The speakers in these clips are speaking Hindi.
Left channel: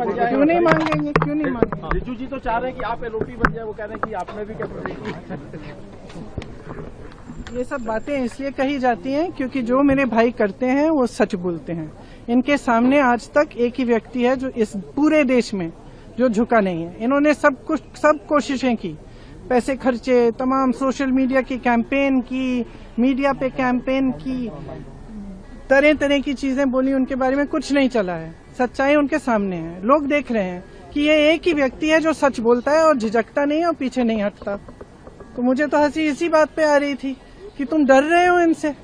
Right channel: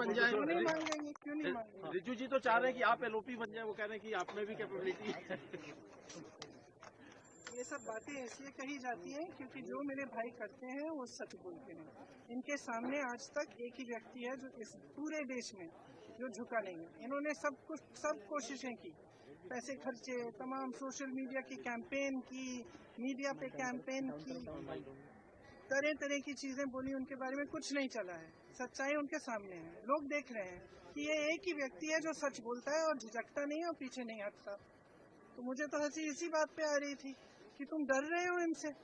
बन जाए। क्यों नहीं मांगेंगे, क्यों नहीं मांगेंगे? रिजू जी तो चाह रहे हैं कि आप एलओपी बन जाए, वो कह रहे हैं कि आप में भी कैपेबिलिटी। ये सब बातें इसलिए कही जाती हैं क्योंकि जो मेरे भाई करते हैं वो सच बोलते हैं। इनके सामने आज तक एक ही व्यक्ति है जो इस पूरे देश में जो झुका नहीं है। इन्होंने सब कोशिशें की, पैसे खर्चे, तमाम सोशल मीडिया की कैंपेन की, मीडिया पे कैंपेन की, तरह तरह की चीजें बोली, उनके बारे में कुछ नहीं चला है। सच्चाई उनके सामने है, लोग देख रहे हैं कि ये एक ही व्यक्ति है जो सच बोलता है और झिझकता नहीं और पीछे नहीं हटता। तो मुझे तो हंसी इसी बात पे आ रही थी कि तुम डर रहे हो इनसे,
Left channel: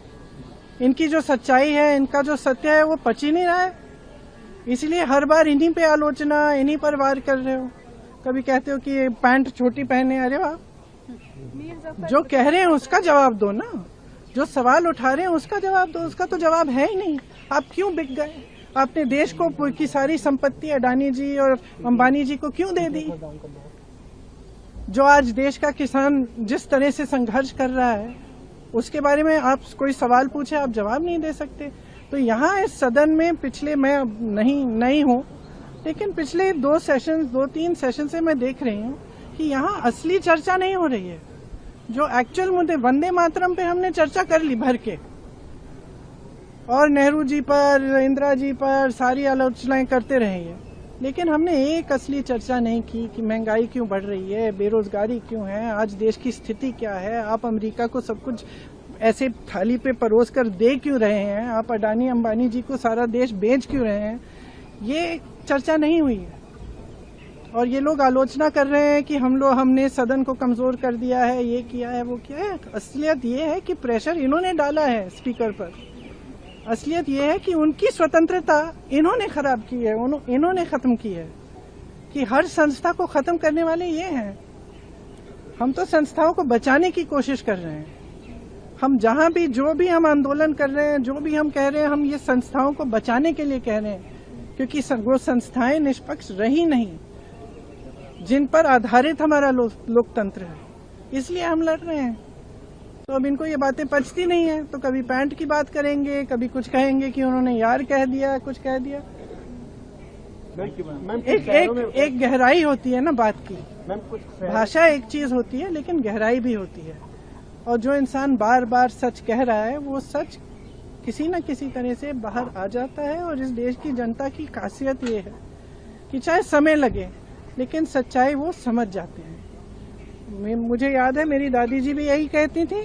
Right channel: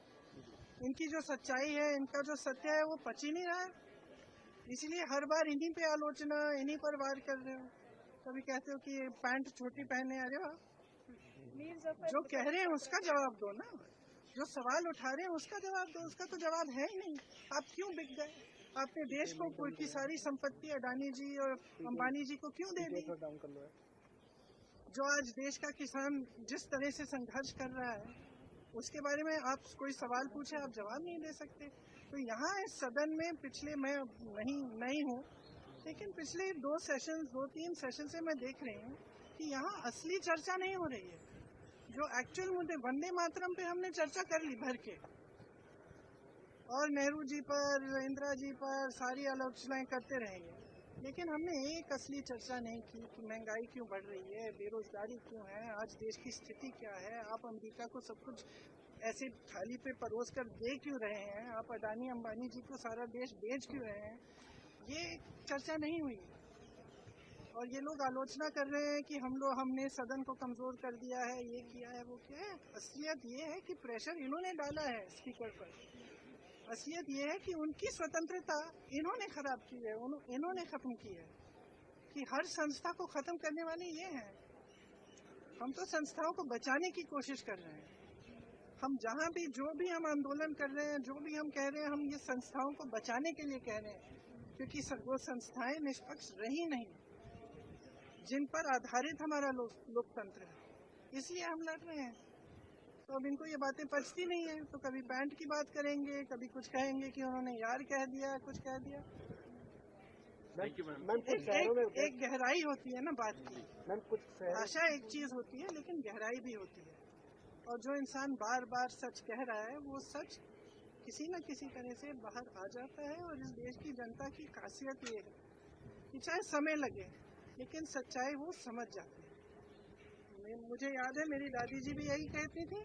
इनकी जो सच्चाई है, इनका जो सत्य है वो पच ही नहीं रहा है, इसलिए हर बार इन्हीं पे आलोचना, इन्हीं पर वार कर रहे हो। कभी कहते हो कि पैंट छोटी पहने, अरे वाह, जो कह रहे हैं उसका जवाब दो ना, जो सवाल उठा रहे हैं उसका जवाब दो। उसका तो जवाब है ही नहीं। आप क्यों बिक गए? आपने देश को की सारी संपत्ति अडानी जी और अंबानी जी को क्यों दे दी? जो आज देश का किसान जिस तरह से संघर्ष कर रहा है उसके बारे में आप कोई सवाल पूछे, आप जवाब नहीं दे सकते। तो यहाँ इस सदन में पिछले, मैं नहीं हूँ, लेकिन पिछले 2-3 सेशन से मैं देख रही हूँ कि यहाँ असली चर्चा नहीं हो रही है। जो एक्चुअल मुद्दे, वंदे मातरम पे हमने चर्चा कर ली भर के, और नेहरू जी पर, इंदिरा जी पर सारी आलोचनाएं करते रहे हैं, लेकिन हमने एक असली चर्चा नहीं की कि महंगाई क्यों बढ़ रही है, बेरोजगारी क्यों है, आज देश की स्थिति क्या है, आप अमेरिका को सब कुछ ऐसे थाली पे परोस कर दे क्यों रहे हैं, आप अडानी अंबानी जी को सारा देश बेच क्यों रहे हैं, ये चर्चा नहीं हुई है। और ये लोग आलोचना कर रहे हैं कि हमने सदन को कमजोर कर दिया है, ये किया है, वो किया है। असलियत ये है कि प्रेशर इन्होंने डाला है स्पीकर पर। असलियत ये है कि उनकी स्वतंत्रता इन्होंने खराब की है, इन्होंने खत्म की है, कि हर संस्था को खत्म करने वाले ये हैं। हम तो संस्थाओं को बचाने की कोशिश कर रहे हैं। हम जहां भी, जो भी हम आंदोलन कर रहे हैं, जो भी हम कह रहे हैं, हम ये संस्थाओं को बचाने के लिए कह रहे हैं, क्योंकि वो संस्थाएं निष्पक्ष रही नहीं जिन पर आधारित हमारा लोकतंत्र है, इसलिए हम लड़ रहे हैं। तो अब इनको ये बातें पचती नहीं है, तो कभी पैंट की बात करेंगे, कभी कुछ कहेंगे कि उन्होंने यार कह दिया, कुछ कह दिया। एक गहराई होती है ना बात की। भाषा एक चीज होती है, लेकिन गहराई भी होती है। और जो इंसान बार बार सच कह रहा है, वो सच किसी न किसी तरह से बाहर आ जाता है। और इस देश की जनता की खासियत ये है कि चाहे समय लगे, लेकिन सच्चाई वो समझ जाते हैं। मुझे याद है मेरी दादी जी भी यही कहती थी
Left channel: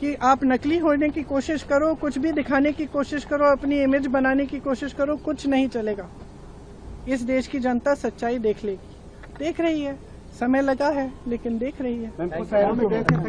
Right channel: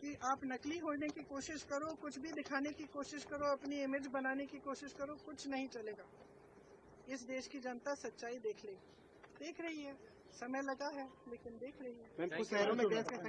कि आप नकली होने की कोशिश करो, कुछ भी दिखाने की कोशिश करो, अपनी इमेज बनाने की कोशिश करो, कुछ नहीं चलेगा। इस देश की जनता सच्चाई देख लेगी, देख रही है। समय लगा है, लेकिन देख रही है।